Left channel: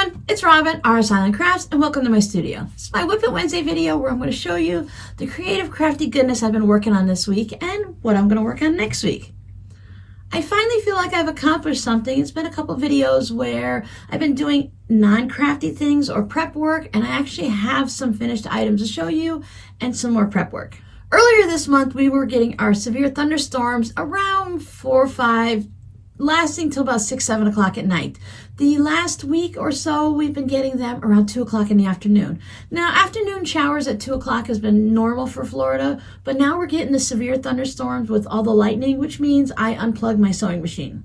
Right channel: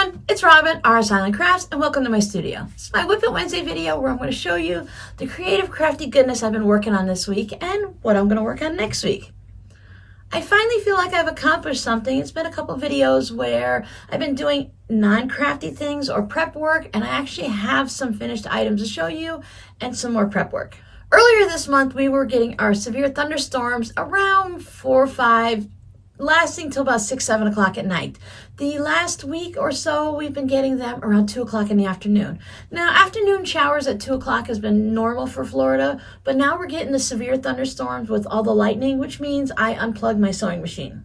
everyone, it's Robin, RS Island Crafts, and welcome to my studio. This is my Whip It Wednesday video where I'm going to show you the creative crafty goodness I've been working on this week and what I'm going to work on next week. I finally feel like I've accomplished something. It's been a couple of videos where I've been doing non-crafty things or prep work, and I actually have some finished items to show you and some more prep work. Earlier this month, we were getting our severe thunderstorms around 4 or 5, lasting till about 6, 7 o'clock at night. The last week or so, we've been getting them around 2 o'clock in the afternoon. Now, afternoon showers at 2 o'clock has been normal for Florida, but now we're getting the severe thunderstorms with all the lightning, which means I unplugged my sewing machine.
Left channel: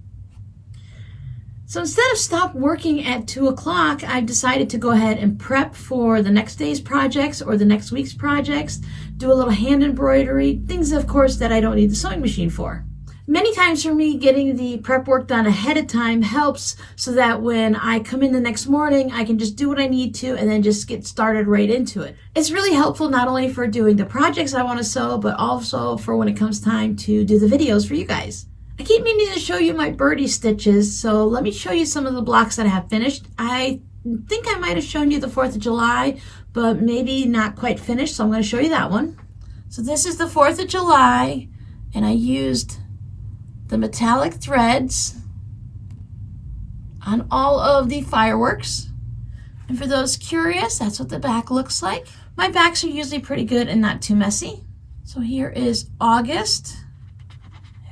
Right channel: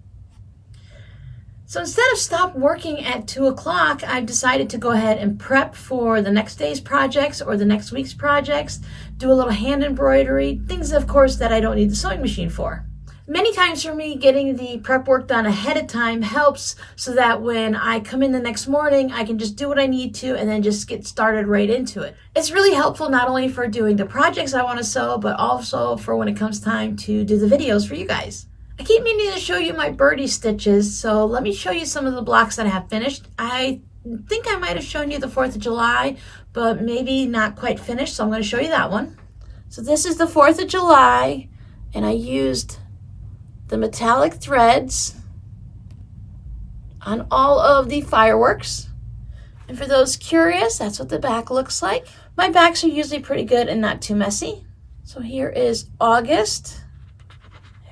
So instead of stop working at 2 o'clock, I've decided to go ahead and prep for the next day's projects or the next week's projects, do a little hand embroidery, things, of course, that I don't need the sewing machine for. Many times for me, getting the prep work done ahead of time helps so that when I come in the next morning, I can just do what I need to and then just get started right into it. It's really helpful not only for doing the projects I want to sew, but also for when it comes time to do the videos for you guys. I keep meaning to show you my Birdie stitches, so let me show you some of the blocks that I have finished. I think I might have shown you the 4th of July, but maybe not quite finished, so I'm going to show you that one. So this is the 4th of July, and I used the metallic threads on all of the fireworks. And for those curious, that's what the back looks like. My backs are usually pretty good and not too messy. So here is August.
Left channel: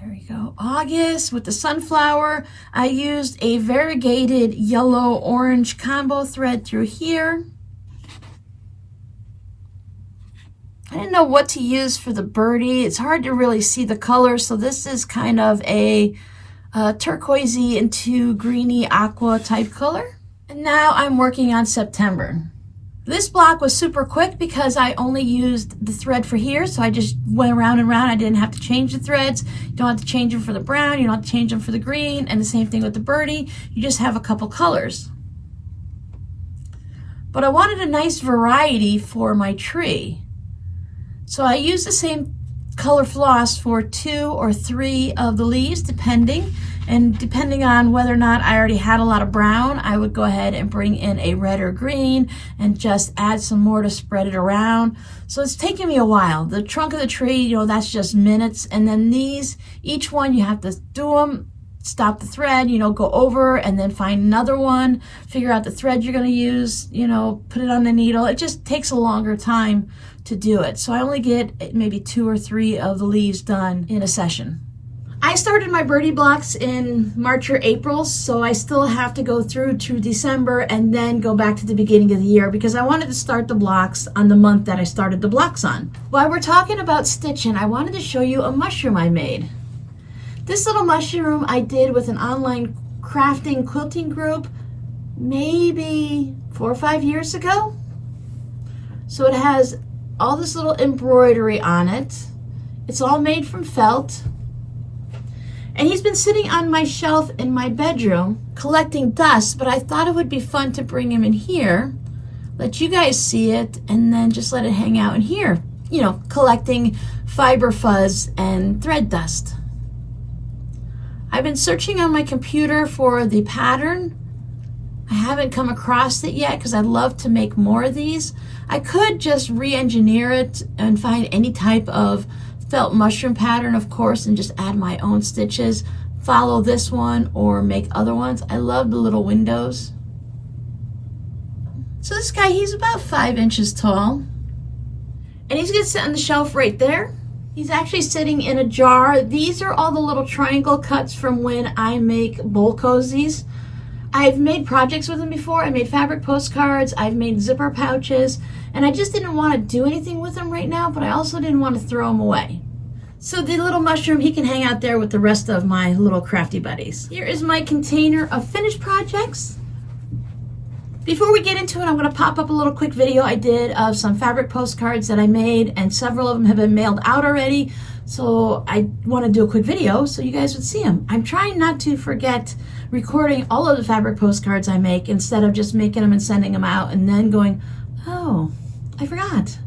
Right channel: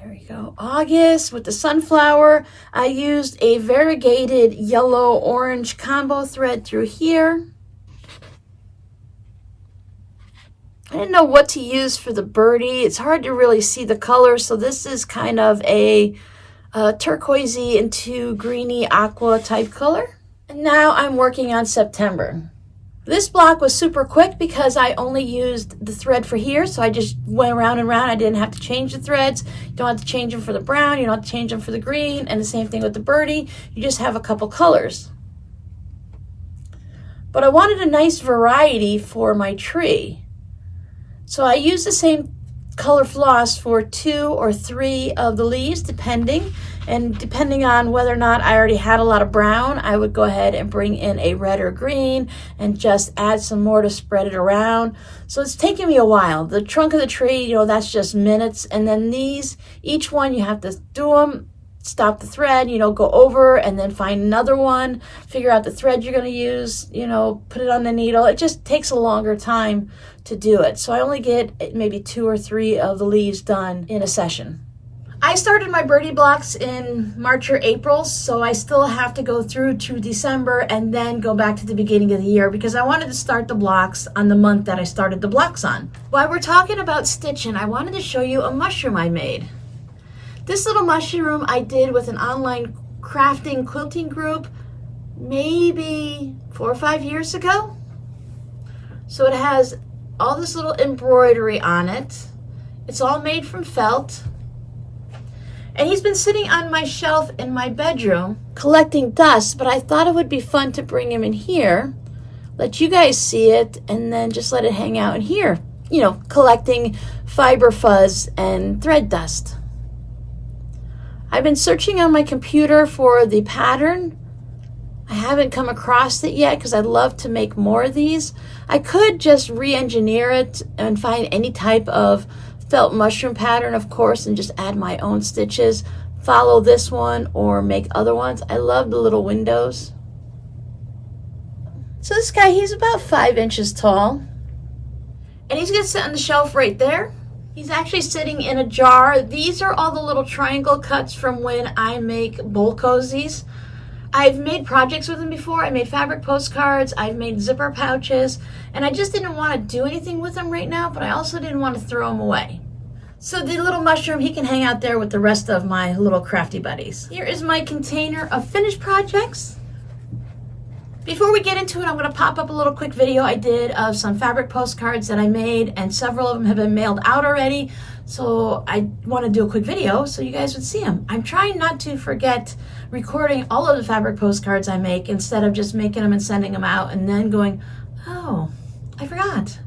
There we go, August with the sunflower. I used a variegated yellow-orange combo thread through here. I didn't know what to use for the birdie. It's hard to really see the color, so this is kind of a turquoisey into greeny aqua type color. And now I'm working on September. This block was super quick because I only used the thread for here, so I just went around and around. I didn't have to change the threads. You don't have to change them for the brown, you don't have to change them for the green, and the same thing with the birdie. You just have a couple colors. But I wanted a nice variety for my tree. So I use the same color floss for 2 or 3 of the leaves, depending. And depending on whether or not I already had a lot of brown, I would go ahead and bring in a red or green and just add some more to spread it around. So it's taking me a while. The trunk of the tree, you know, that's just minutes. And then these, each one you have to do them, stop the thread, you know, go over and then find another one, figure out the thread you're going to use, you know, put it on the needle. It just takes a longer time to do it. So I only get maybe 2 or 3 of the leaves done in a session. I started my birdie blocks in March or April, so I still have to go through to December and then go back to the beginning of the year because I wanted to start the blocks on the month that I started the blocks on. While we're talking about stitching, I wanted to show you a mushroom I made. This little mushroom I did with an online crafting quilting group maybe 4 or 5 years ago. So it has all this little embroidery on it. It's all made from felt. And he's been sitting on my shelf in my bedroom collecting dust, but I thought it would be fun to bring him in here, let you guys see it, and then just let it hang out in here, you know, collecting fiber fuzz and thread dust. I've been searching on my computer for the pattern. I haven't come across it yet because I'd love to make more of these. I could just re-engineer it and find any type of felt mushroom pattern, of course, and just add my own stitches, follow this one or make other ones. I love the little windows. So this guy, he's about 5 inches tall, and he's gonna sit on the shelf right there. He's actually sitting in a jar. These are all the little triangle cuts from when I make bowl cozies. I've made projects with them before. I made fabric postcards, I've made zipper pouches, and I just didn't want to do anything with them right now, but I also didn't want to throw them away. So the little mushroom, he can hang out there with the rest of my little crafty buddies. Here is my container of finished projects. Before we get into it, I'm going to pop up a little quick video I did of some fabric postcards that I made, and several of them have been mailed out already. So I want to do a quick video so you guys would see them. I'm trying not to forget recording all of the fabric postcards I make instead of just making them and sending them out and then going, oh, I forgot.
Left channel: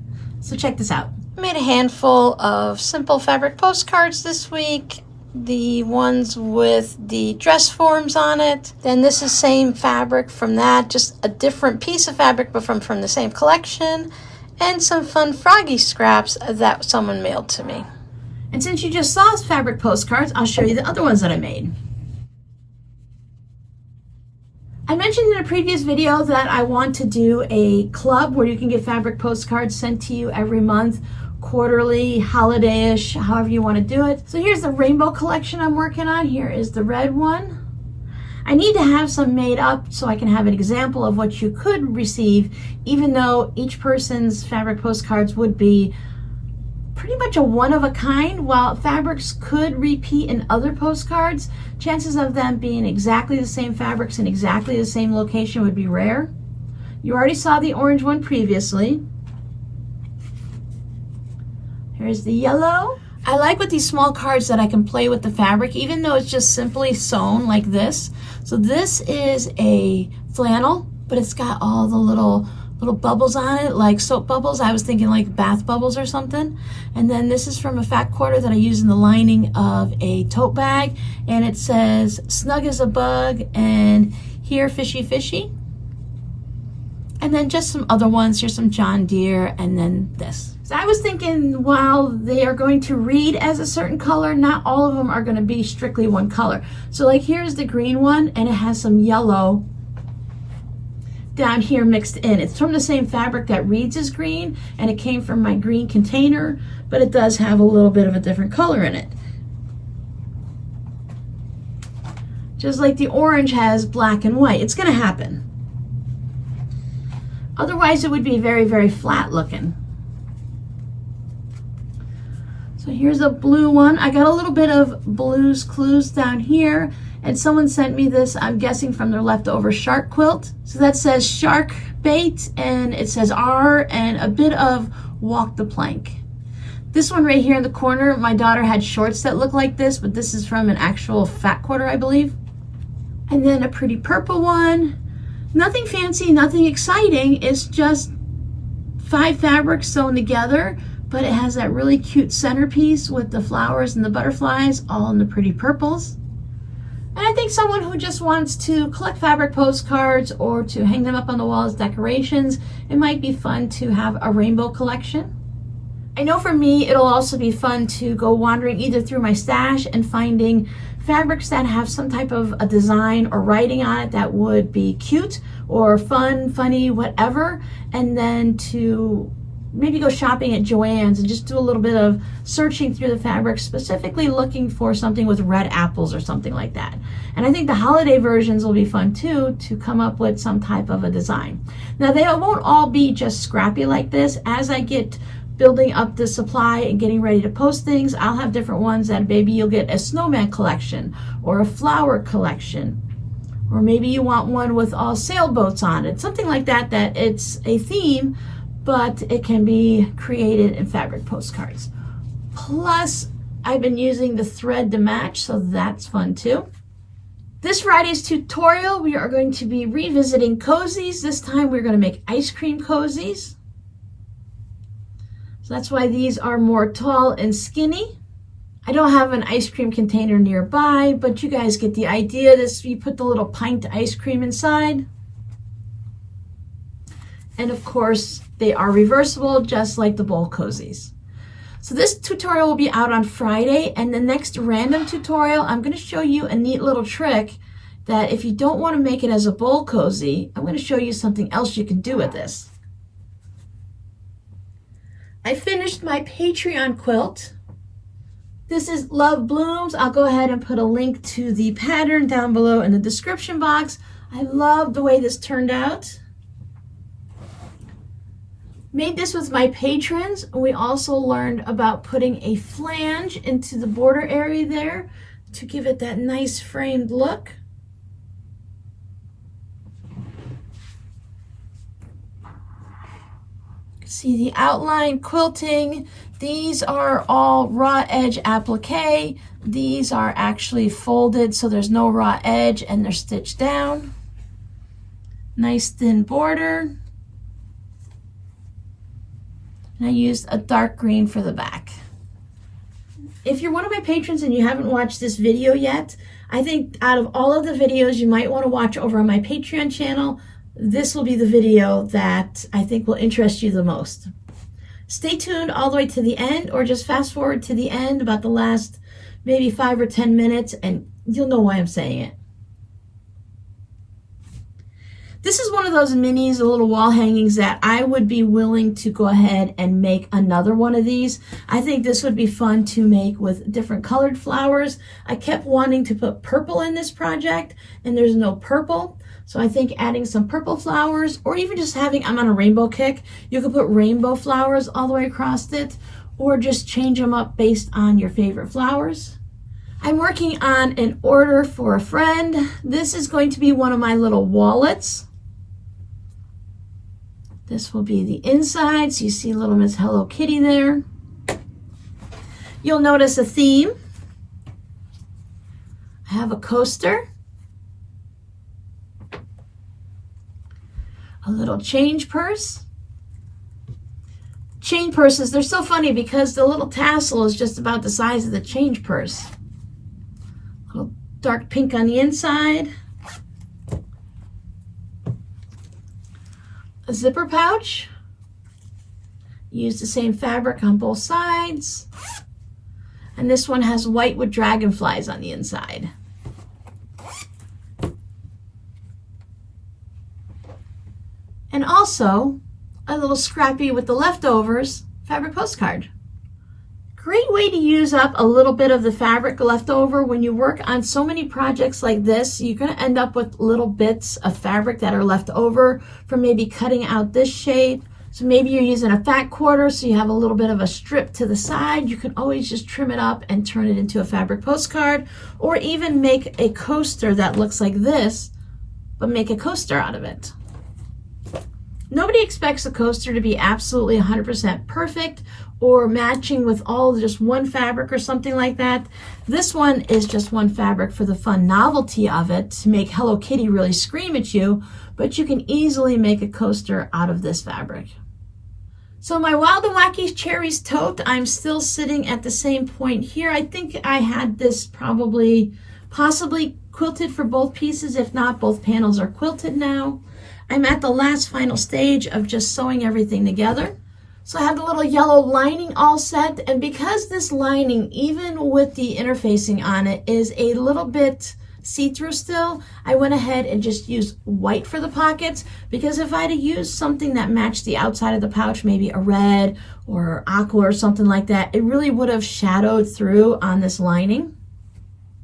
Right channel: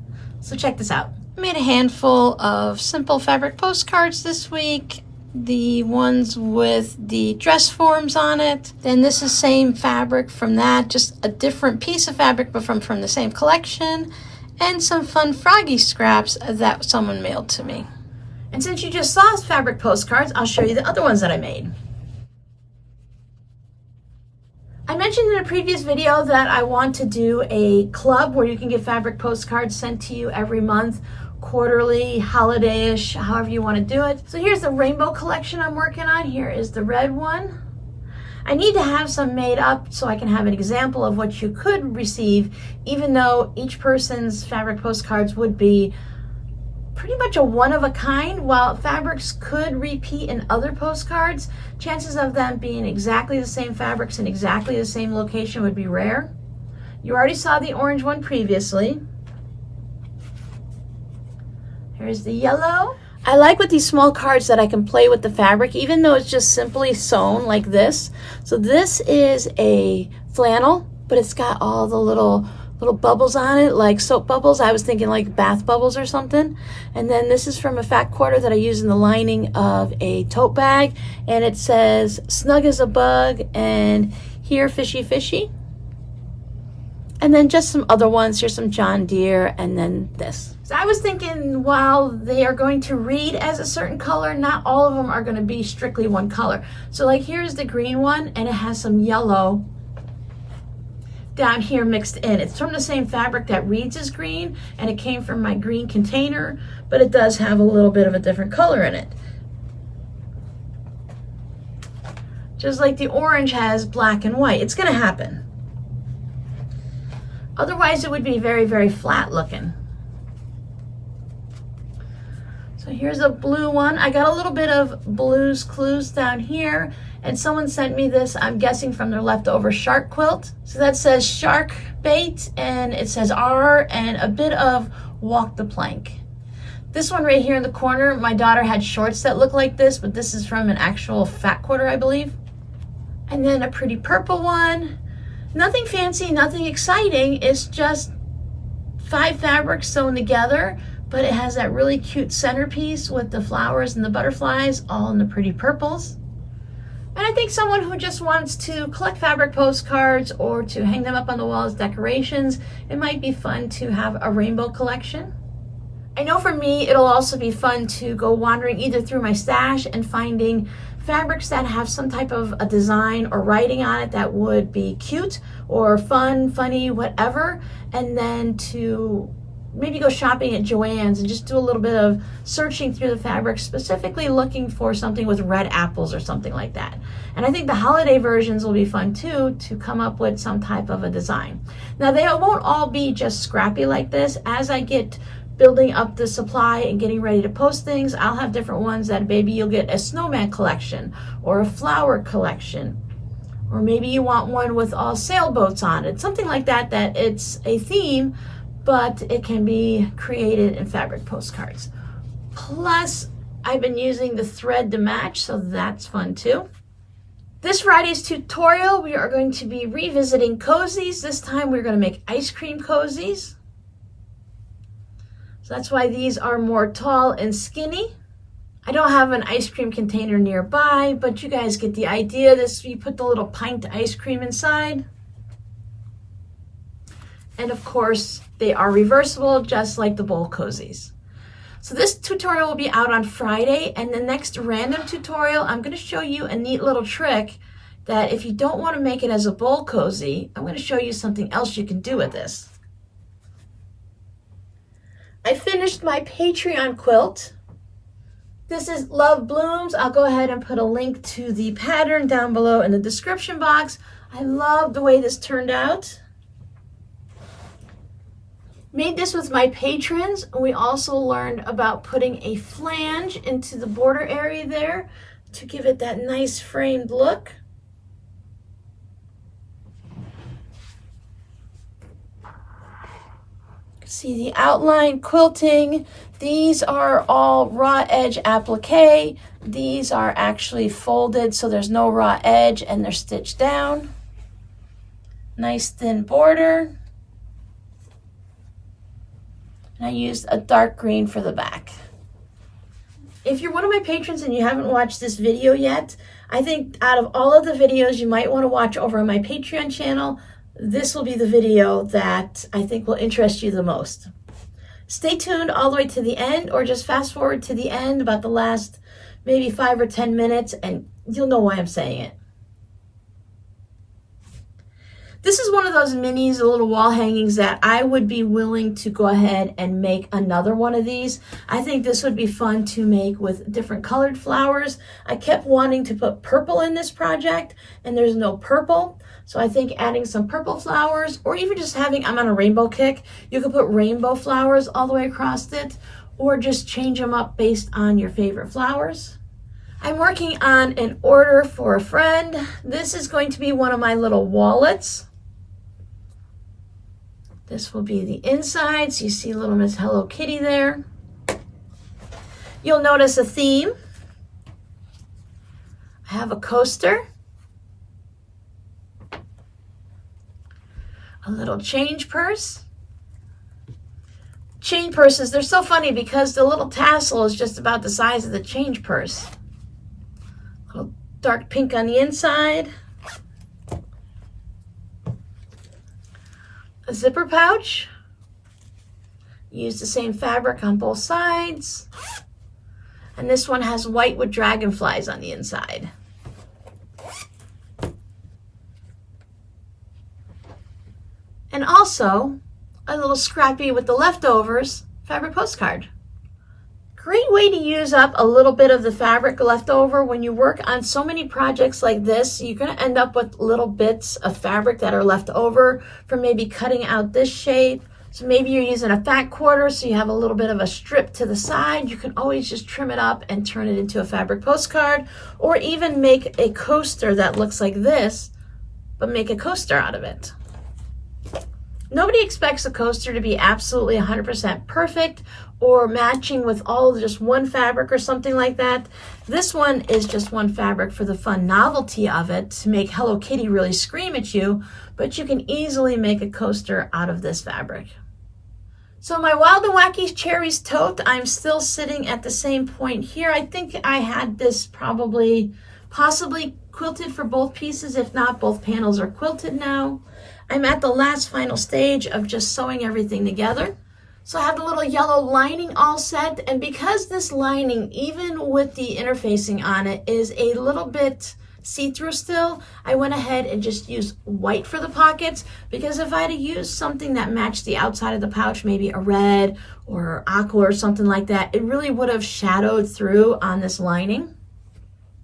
So check this out. I made a handful of simple fabric postcards this week. the ones with the dress forms on it. Then this is same fabric from that, just a different piece of fabric, but from the same collection. And some fun froggy scraps that someone mailed to me. And since you just saw fabric postcards, I'll show you the other ones that I made. I mentioned in a previous video that I want to do a club where you can get fabric postcards sent to you every month, quarterly, holiday-ish, however you want to do it. So here's the rainbow collection I'm working on. Here is the red one. I need to have some made up so I can have an example of what you could receive, even though each person's fabric postcards would be pretty much a one-of-a-kind. While fabrics could repeat in other postcards, chances of them being exactly the same fabrics in exactly the same location would be rare. You already saw the orange one previously. Here's the yellow. I like with these small cards that I can play with the fabric, even though it's just simply sewn like this. So this is a flannel, but it's got all the little bubbles on it, like soap bubbles. I was thinking like bath bubbles or something. And then this is from a fat quarter that I use in the lining of a tote bag. And it says, snug as a bug, and here, fishy, fishy. And then just some other ones. Here's some John Deere, and then this. So I was thinking, while they are going to read as a certain color, not all of them are going to be strictly one color. So like here's the green one, and it has some yellow down here mixed in. It's from the same fabric that reads as green, and it came from my green container, but it does have a little bit of a different color in it. Just like the orange has black and white. It's going to happen. Otherwise, it would be very, very flat looking. So here's a blue one. I got a little bit of Blue's Clues down here, and someone sent me this, I'm guessing from their leftover shark quilt. So that says shark bait, and it says R, and a bit of walk the plank. This one right here in the corner, my daughter had shorts that look like this, but this is from an actual fat quarter, I believe. And then a pretty purple one. Nothing fancy, nothing exciting. It's just 5 fabrics sewn together, but it has that really cute centerpiece with the flowers and the butterflies, all in the pretty purples. And I think someone who just wants to collect fabric postcards or to hang them up on the wall as decorations, it might be fun to have a rainbow collection. I know for me, it'll also be fun to go wandering either through my stash and finding fabrics that have some type of a design or writing on it that would be cute or fun, funny, whatever, and then to maybe go shopping at Joann's and just do a little bit of searching through the fabric, specifically looking for something with red apples or something like that. And I think the holiday versions will be fun too, to come up with some type of a design. Now they won't all be just scrappy like this. As I get building up the supply and getting ready to post things, I'll have different ones that maybe you'll get a snowman collection or a flower collection, or maybe you want one with all sailboats on it, something like that, that it's a theme, but it can be created in fabric postcards. Plus, I've been using the thread to match, so that's fun too. This Friday's tutorial, we are going to be revisiting cozies. This time we're going to make ice cream cozies. So that's why these are more tall and skinny. I don't have an ice cream container nearby, but you guys get the idea. This, you put the little pint ice cream inside. And of course, they are reversible, just like the bowl cozies. So this tutorial will be out on Friday, and the next random tutorial, I'm going to show you a neat little trick that if you don't want to make it as a bowl cozy, I'm going to show you something else you can do with this. I finished my Patreon quilt. This is Love Blooms. I'll go ahead and put a link to the pattern down below in the description box. I love the way this turned out. Made this with my patrons, and we also learned about putting a flange into the border area there to give it that nice framed look. See the outline quilting. These are all raw edge applique. These are actually folded, so there's no raw edge, and they're stitched down. Nice thin border. And I used a dark green for the back. If you're one of my patrons and you haven't watched this video yet, I think out of all of the videos you might want to watch over on my Patreon channel, this will be the video that I think will interest you the most. Stay tuned all the way to the end, or just fast forward to the end about the last maybe 5 or 10 minutes and you'll know why I'm saying it. This is one of those minis, the little wall hangings, that I would be willing to go ahead and make another one of these. I think this would be fun to make with different colored flowers. I kept wanting to put purple in this project and there's no purple. So I think adding some purple flowers, or even just having, I'm on a rainbow kick, you could put rainbow flowers all the way across it, or just change them up based on your favorite flowers. I'm working on an order for a friend. This is going to be one of my little wallets. This will be the inside, so you see little Miss Hello Kitty there. You'll notice a theme. I have a coaster, a little change purse. Change purses, they're so funny because the little tassel is just about the size of the change purse. A little dark pink on the inside. A zipper pouch. Use the same fabric on both sides. And this one has white with dragonflies on the inside. And also a little scrappy with the leftovers fabric postcard. Great way to use up a little bit of the fabric left over. When you work on so many projects like this, you're going to end up with little bits of fabric that are left over from maybe cutting out this shape. So maybe you're using a fat quarter, so you have a little bit of a strip to the side. You can always just trim it up and turn it into a fabric postcard, or even make a coaster that looks like this, but make a coaster out of it. Nobody expects a coaster to be absolutely 100% perfect or matching with all just one fabric or something like that. This one is just one fabric for the fun novelty of it, to make Hello Kitty really scream at you, but you can easily make a coaster out of this fabric. So my Wild and Wacky Cherries tote, I'm still sitting at the same point here. I think I had this possibly quilted for both pieces. If not, both panels are quilted now. I'm at the last final stage of just sewing everything together. So I have the little yellow lining all set, and because this lining, even with the interfacing on it, is a little bit see-through still, I went ahead and just used white for the pockets, because if I had used something that matched the outside of the pouch, maybe a red or aqua or something like that, it really would have shadowed through on this lining.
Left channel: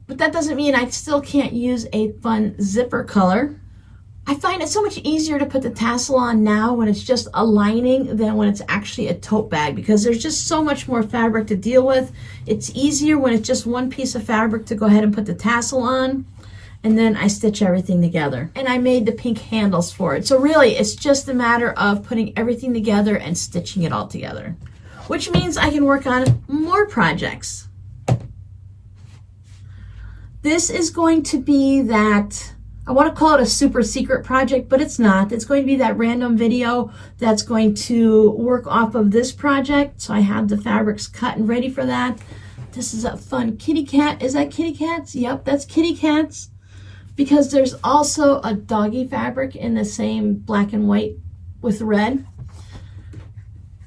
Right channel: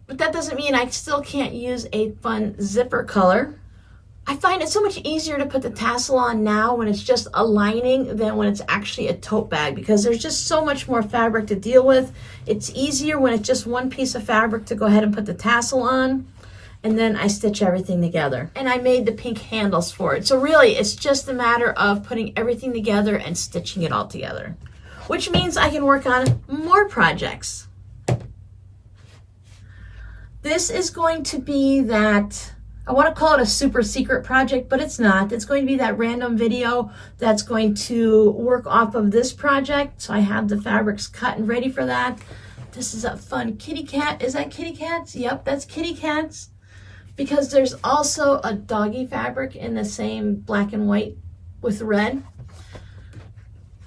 But that doesn't mean I still can't use a fun zipper color. I find it so much easier to put the tassel on now when it's just a lining than when it's actually a tote bag, because there's just so much more fabric to deal with. It's easier when it's just one piece of fabric to go ahead and put the tassel on, and then I stitch everything together. And I made the pink handles for it. So really, it's just a matter of putting everything together and stitching it all together, which means I can work on more projects. This is going to be that, I want to call it a super secret project, but it's not. It's going to be that random video that's going to work off of this project. So I have the fabrics cut and ready for that. This is a fun kitty cat. Is that kitty cats? Yep, that's kitty cats. Because there's also a doggy fabric in the same black and white with red.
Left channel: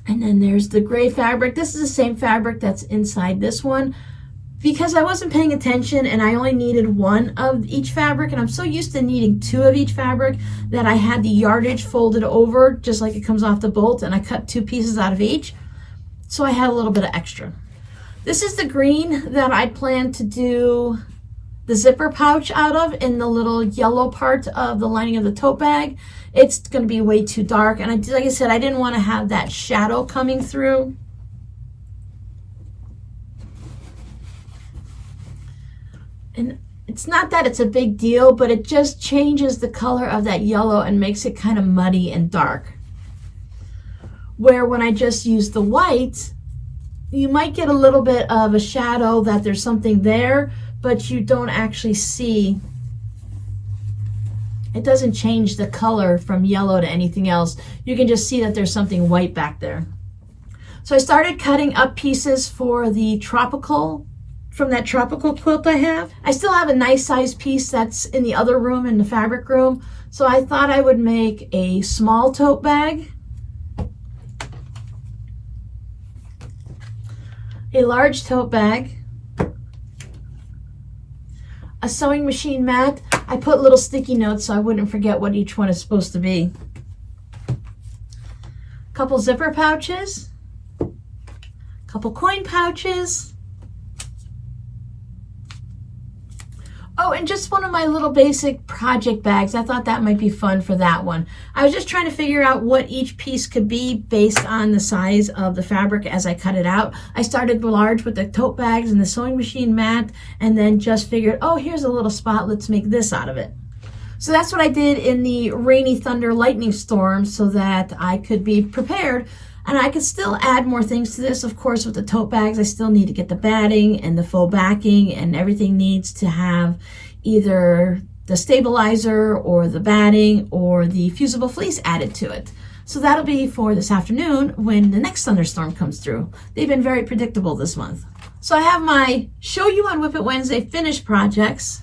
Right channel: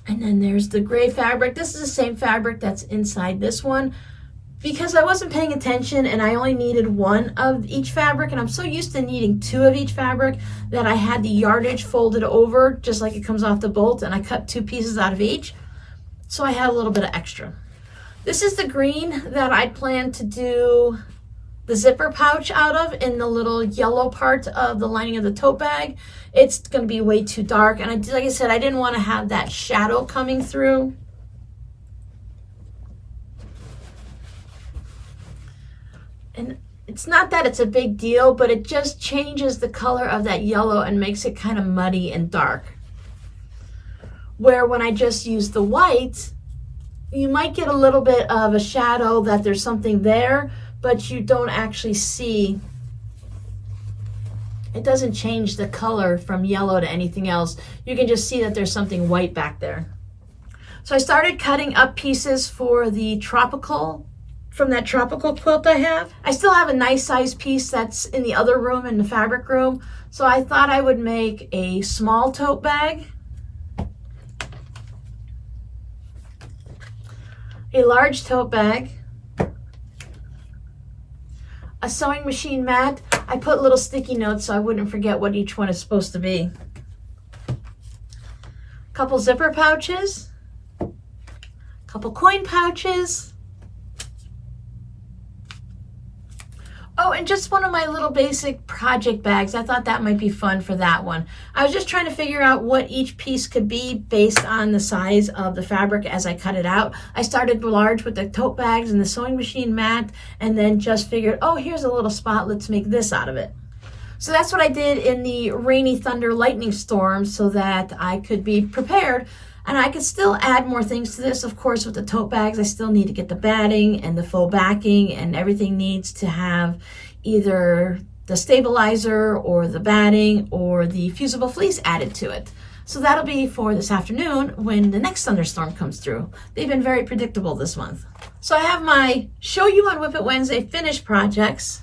And then there's the gray fabric. This is the same fabric that's inside this one. Because I wasn't paying attention and I only needed one of each fabric, and I'm so used to needing two of each fabric that I had the yardage folded over just like it comes off the bolt, and I cut 2 pieces out of each. So I had a little bit of extra. This is the green that I planned to do the zipper pouch out of in the little yellow part of the lining of the tote bag. It's going to be way too dark, and like I said, I didn't want to have that shadow coming through. And it's not that it's a big deal, but it just changes the color of that yellow and makes it kind of muddy and dark. Where when I just use the white, you might get a little bit of a shadow that there's something there, but you don't actually see. It doesn't change the color from yellow to anything else. You can just see that there's something white back there. So I started cutting up pieces for the tropical, from that tropical quilt I have. I still have a nice size piece that's in the other room, in the fabric room. So I thought I would make a small tote bag, a large tote bag, a sewing machine mat. I put little sticky notes so I wouldn't forget what each one is supposed to be. A couple zipper pouches, a couple coin pouches. Oh, and just one of my little basic project bags. I thought that might be fun for that one. I was just trying to figure out what each piece could be based on the size of the fabric as I cut it out. I started large with the tote bags and the sewing machine mat, and then just figured, oh, here's a little spot, let's make this out of it. So that's what I did in the rainy thunder lightning storm so that I could be prepared. And I could still add more things to this. Of course, with the tote bags, I still need to get the batting and the faux backing, and everything needs to have either the stabilizer or the batting or the fusible fleece added to it. So that'll be for this afternoon when the next thunderstorm comes through. They've been very predictable this month. So I have my Show You on WIP It Wednesday finished projects,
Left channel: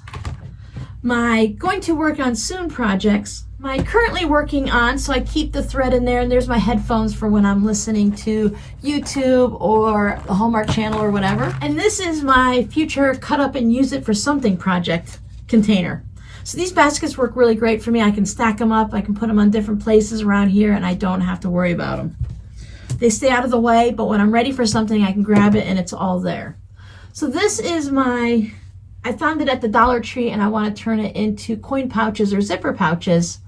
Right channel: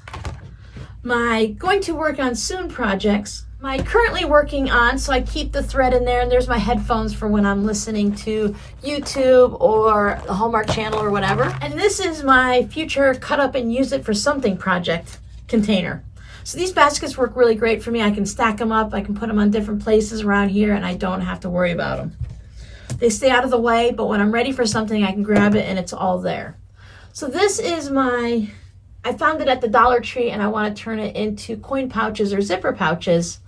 my Going to Work on Soon projects, my currently working on, so I keep the thread in there, and there's my headphones for when I'm listening to YouTube or the Hallmark Channel or whatever. And this is my future cut up and use it for something project container. So these baskets work really great for me. I can stack them up, I can put them on different places around here, and I don't have to worry about them. They stay out of the way, but when I'm ready for something, I can grab it and it's all there. So this is my, I found it at the Dollar Tree, and I want to turn it into coin pouches or zipper pouches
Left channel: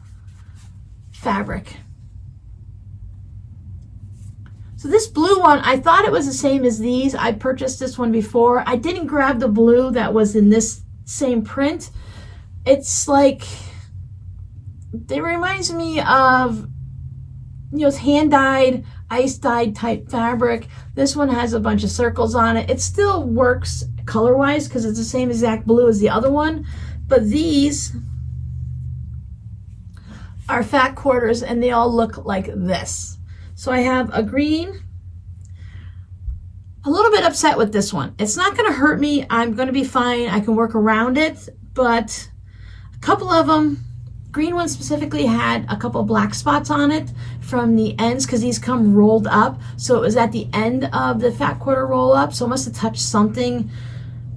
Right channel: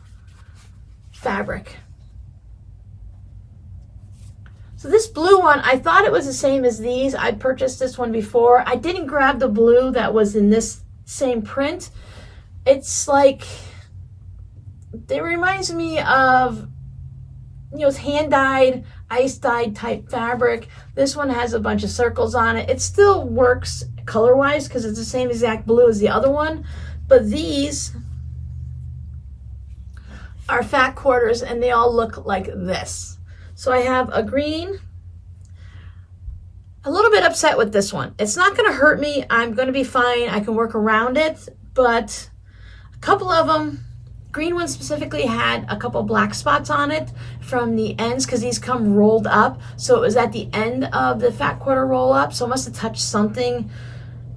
fabric. So this blue one, I thought it was the same as these. I purchased this one before. I didn't grab the blue that was in this same print. It's like, it reminds me of, you know, it's hand-dyed, ice-dyed type fabric. This one has a bunch of circles on it. It still works color-wise because it's the same exact blue as the other one, but these are fat quarters and they all look like this. So I have a green, a little bit upset with this one. It's not going to hurt me. I'm going to be fine. I can work around it, but a couple of them, green one specifically, had a couple black spots on it from the ends because these come rolled up. So it was at the end of the fat quarter roll up. So it must have touched something.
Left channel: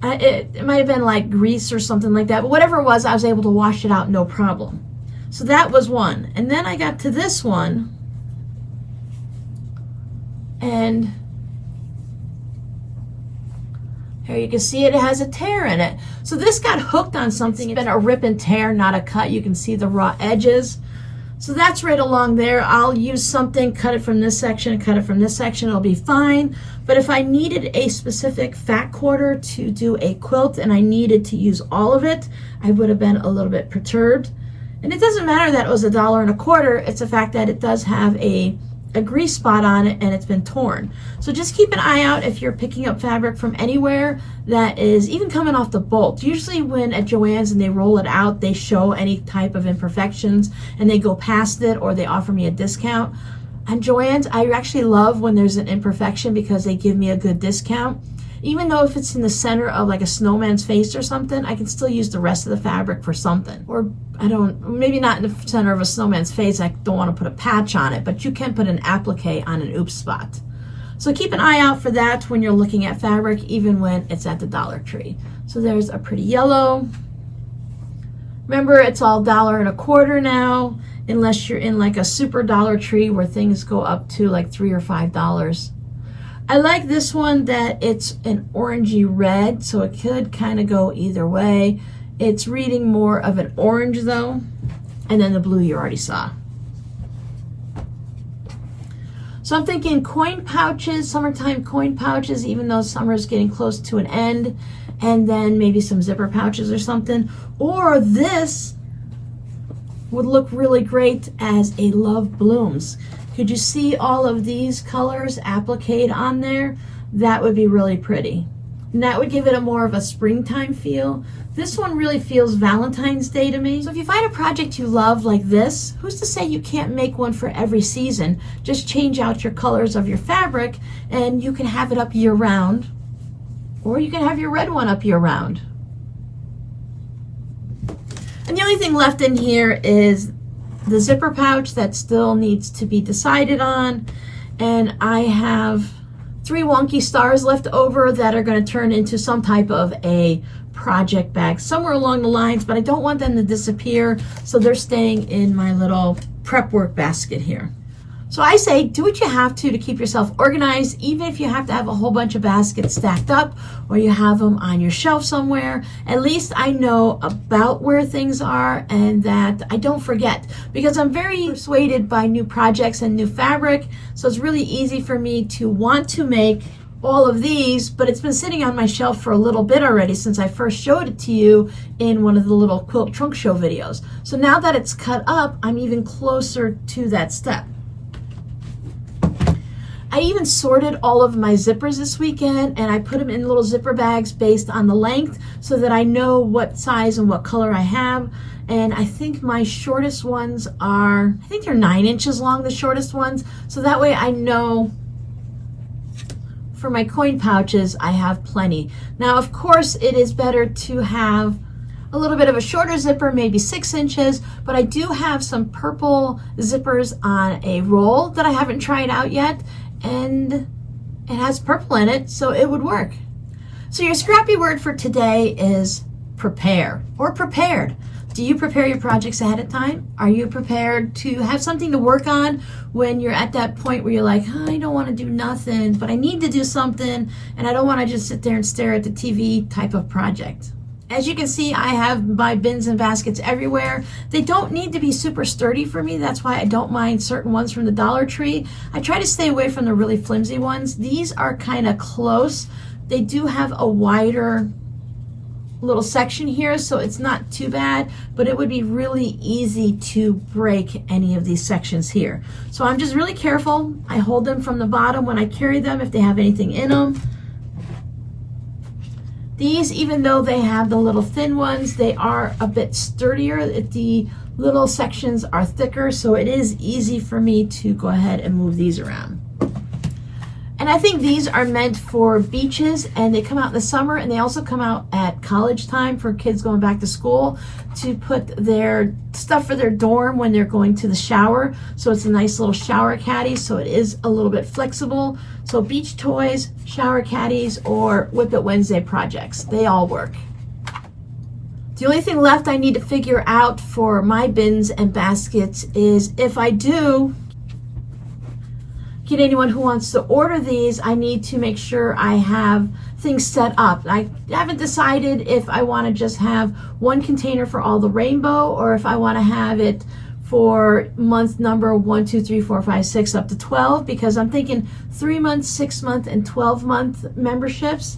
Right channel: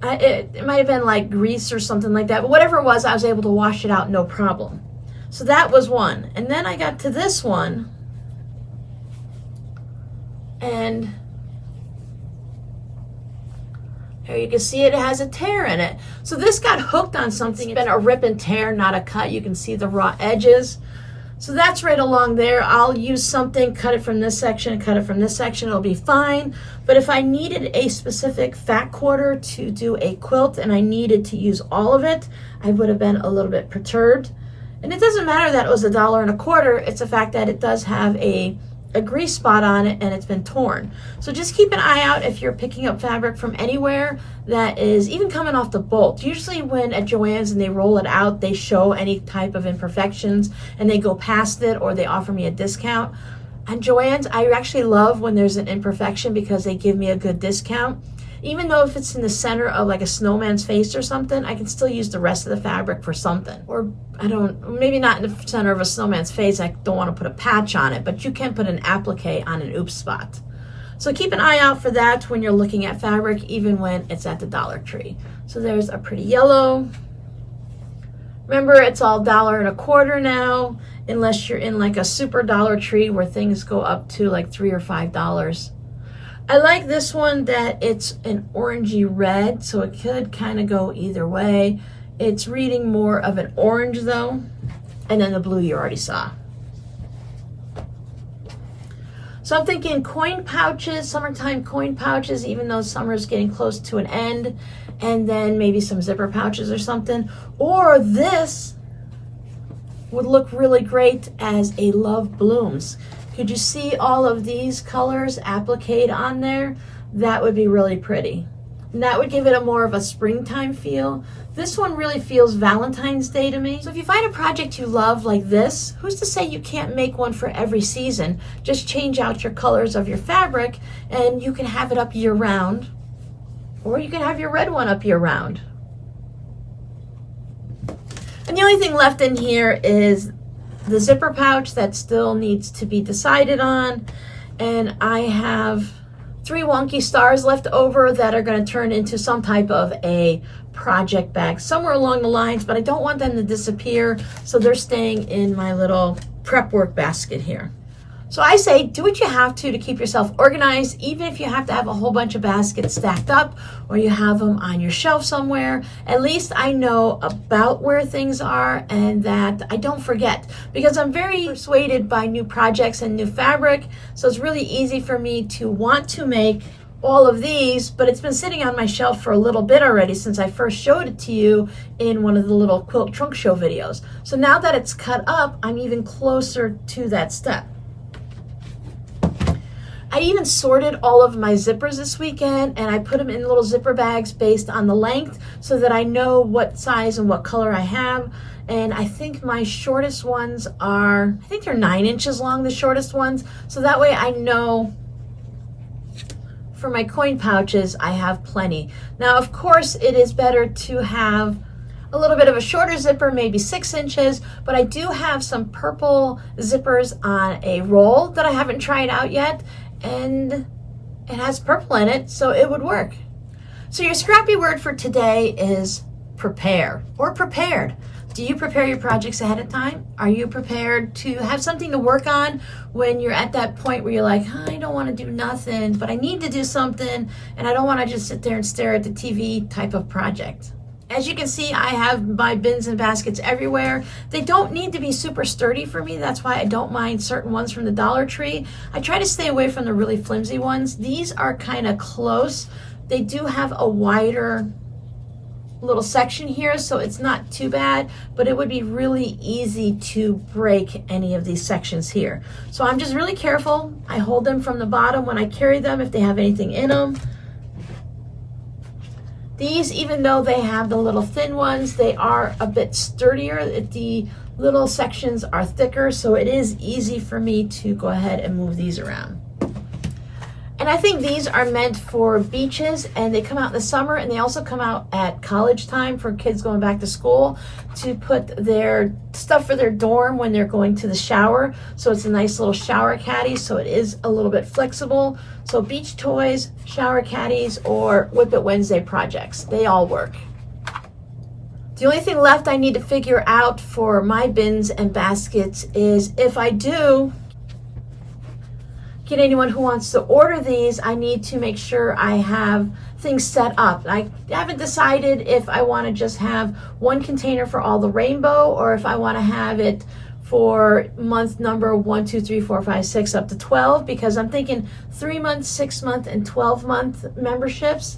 It might have been like grease or something like that. But whatever it was, I was able to wash it out no problem. So that was one. And then I got to this one, and here you can see it has a tear in it. So this got hooked on something. It's been a rip and tear, not a cut. You can see the raw edges. So that's right along there. I'll use something, cut it from this section and cut it from this section. It'll be fine. But if I needed a specific fat quarter to do a quilt and I needed to use all of it, I would have been a little bit perturbed. And it doesn't matter that it was $1.25. It's the fact that it does have a grease spot on it and it's been torn. So just keep an eye out if you're picking up fabric from anywhere that is even coming off the bolt. Usually when at Joann's and they roll it out, they show any type of imperfections and they go past it or they offer me a discount. At Joann's, I actually love when there's an imperfection because they give me a good discount. Even though if it's in the center of like a snowman's face or something, I can still use the rest of the fabric for something. Or maybe not in the center of a snowman's face, I don't want to put a patch on it, but you can put an applique on an oops spot. So keep an eye out for that when you're looking at fabric, even when it's at the Dollar Tree. So there's a pretty yellow. Remember, it's all $1.25 now, unless you're in like a super Dollar Tree where things go up to like $3 or $5. I like this one that it's an orangey red, so it could kind of go either way. It's reading more of an orange though, and then the blue you already saw. So I'm thinking coin pouches, summertime coin pouches, even though summer is getting close to an end, and then maybe some zipper pouches or something. Or this would look really great as a Love Blooms. Could you see all of these colors appliqued on there? That would be really pretty. And that would give it a more of a springtime feel This one really feels Valentine's Day to me. So if you find a project you love like this, who's to say you can't make one for every season? Just change out your colors of your fabric and you can have it up year round, or you can have your red one up year round. And the only thing left in here is the zipper pouch that still needs to be decided on. And I have 3 wonky stars left over that are going to turn into some type of a project bag somewhere along the lines, but I don't want them to disappear, so they're staying in my little prep work basket here. So I say do what you have to keep yourself organized, even if you have to have a whole bunch of baskets stacked up or you have them on your shelf somewhere. At least I know about where things are and that I don't forget, because I'm very persuaded by new projects and new fabric. So it's really easy for me to want to make all of these, but it's been sitting on my shelf for a little bit already since I first showed it to you in one of the little quilt trunk show videos. So now that it's cut up, I'm even closer to that step. I even sorted all of my zippers this weekend, and I put them in little zipper bags based on the length so that I know what size and what color I have. And I think my shortest ones are, I think they're 9 inches long, the shortest ones. So that way I know for my coin pouches, I have plenty. Now, of course, it is better to have a little bit of a shorter zipper, maybe 6 inches, but I do have some purple zippers on a roll that I haven't tried out yet, and it has purple in it, so it would work. So your scrappy word for today is prepare, or prepared. Do you prepare your projects ahead of time? Are you prepared to have something to work on when you're at that point where you're like, I don't want to do nothing, but I need to do something, and I don't want to just sit there and stare at the TV type of project? As you can see, I have my bins and baskets everywhere. They don't need to be super sturdy for me. That's why I don't mind certain ones from the Dollar Tree. I try to stay away from the really flimsy ones. These are kind of close. They do have a wider little section here, so it's not too bad, but it would be really easy to break any of these sections here. So I'm just really careful. I hold them from the bottom when I carry them if they have anything in them. These, even though they have the little thin ones, they are a bit sturdier. The little sections are thicker, so it is easy for me to go ahead and move these around. And I think these are meant for beaches, and they come out in the summer, and they also come out at college time for kids going back to school to put their stuff for their dorm when they're going to the shower. So it's a nice little shower caddy, so it is a little bit flexible. So beach toys, shower caddies, or WiP It Wednesday projects, they all work. The only thing left I need to figure out for my bins and baskets is if I do get anyone who wants to order these, I need to make sure I have things set up. I haven't decided if I want to just have one container for all the rainbow, or if I want to have it for month number 1, 2, 3, 4, 5, 6 up to 12, because I'm thinking 3 month, 6 month, and 12 month memberships,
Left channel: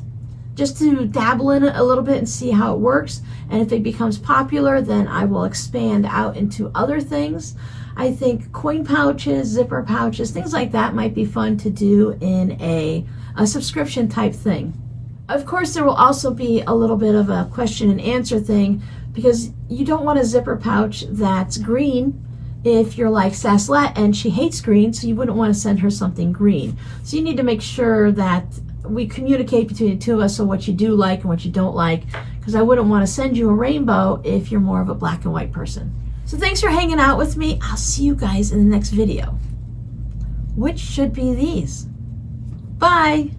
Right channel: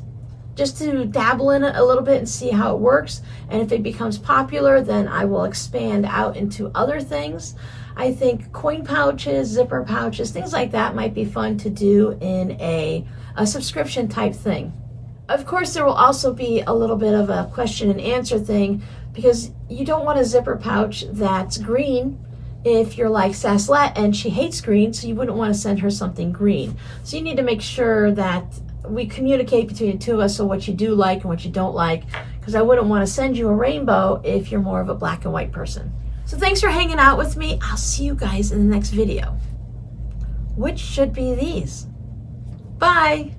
just to dabble in it a little bit and see how it works. And if it becomes popular, then I will expand out into other things. I think coin pouches, zipper pouches, things like that might be fun to do in a subscription type thing. Of course, there will also be a little bit of a question and answer thing, because you don't want a zipper pouch that's green if you're like Saslet and she hates green, so you wouldn't want to send her something green. So you need to make sure that we communicate between the two of us, so what you do like and what you don't like, because I wouldn't want to send you a rainbow if you're more of a black and white person. So thanks for hanging out with me. I'll see you guys in the next video, which should be these. Bye.